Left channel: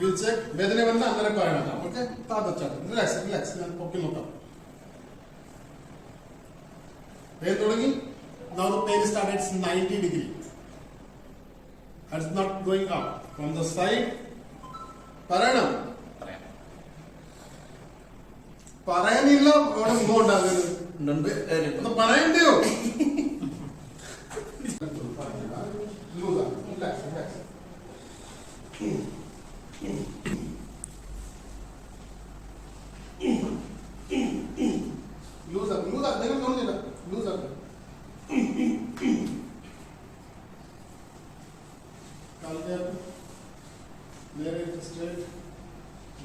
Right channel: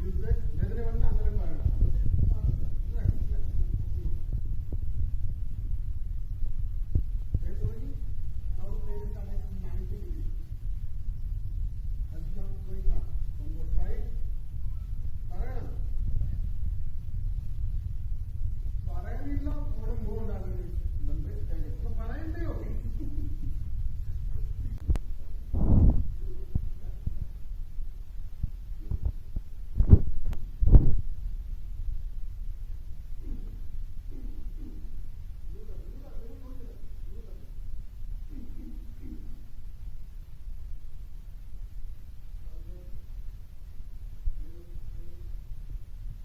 We'll check. വേദന വന്ന അങ്ങനെ പറയണം. Okay? താഴെ relax. ഞാൻ പൊക്കി നോക്കാം. വേദന തുടങ്ങി. Now the pain started 90 degree. It's not going up. From the side. പറയണം. പറയാനില്ല അവിടെ മുഖം ഉണ്ടാകരുത്. അത് പറയണ്ടയോ?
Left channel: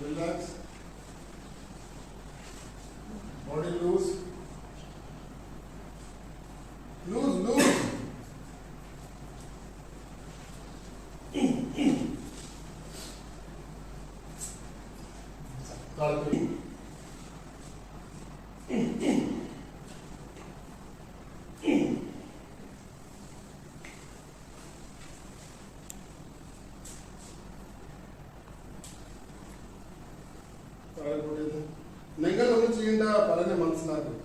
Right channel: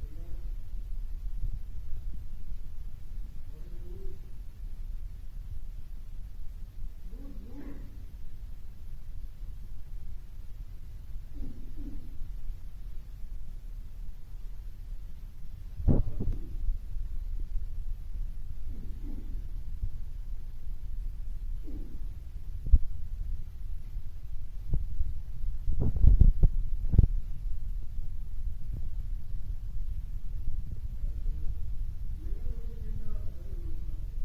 Relax. Body loose. Loose. നിങ്ങൾ ഒന്നും ചെയ്യേണ്ട പറഞ്ഞ മനസ്സിലാക്കും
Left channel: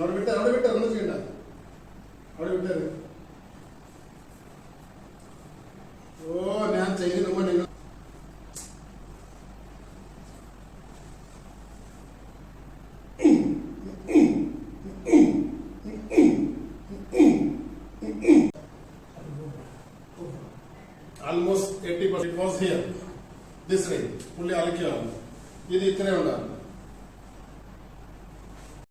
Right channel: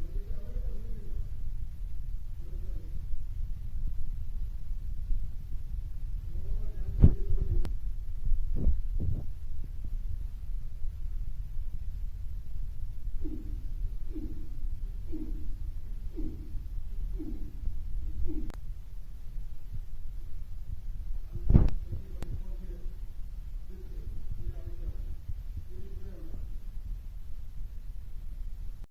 അവിടെ വിട്ട് ഒന്നും ചെയ്യണ്ട അവിടെ വിട്ടേ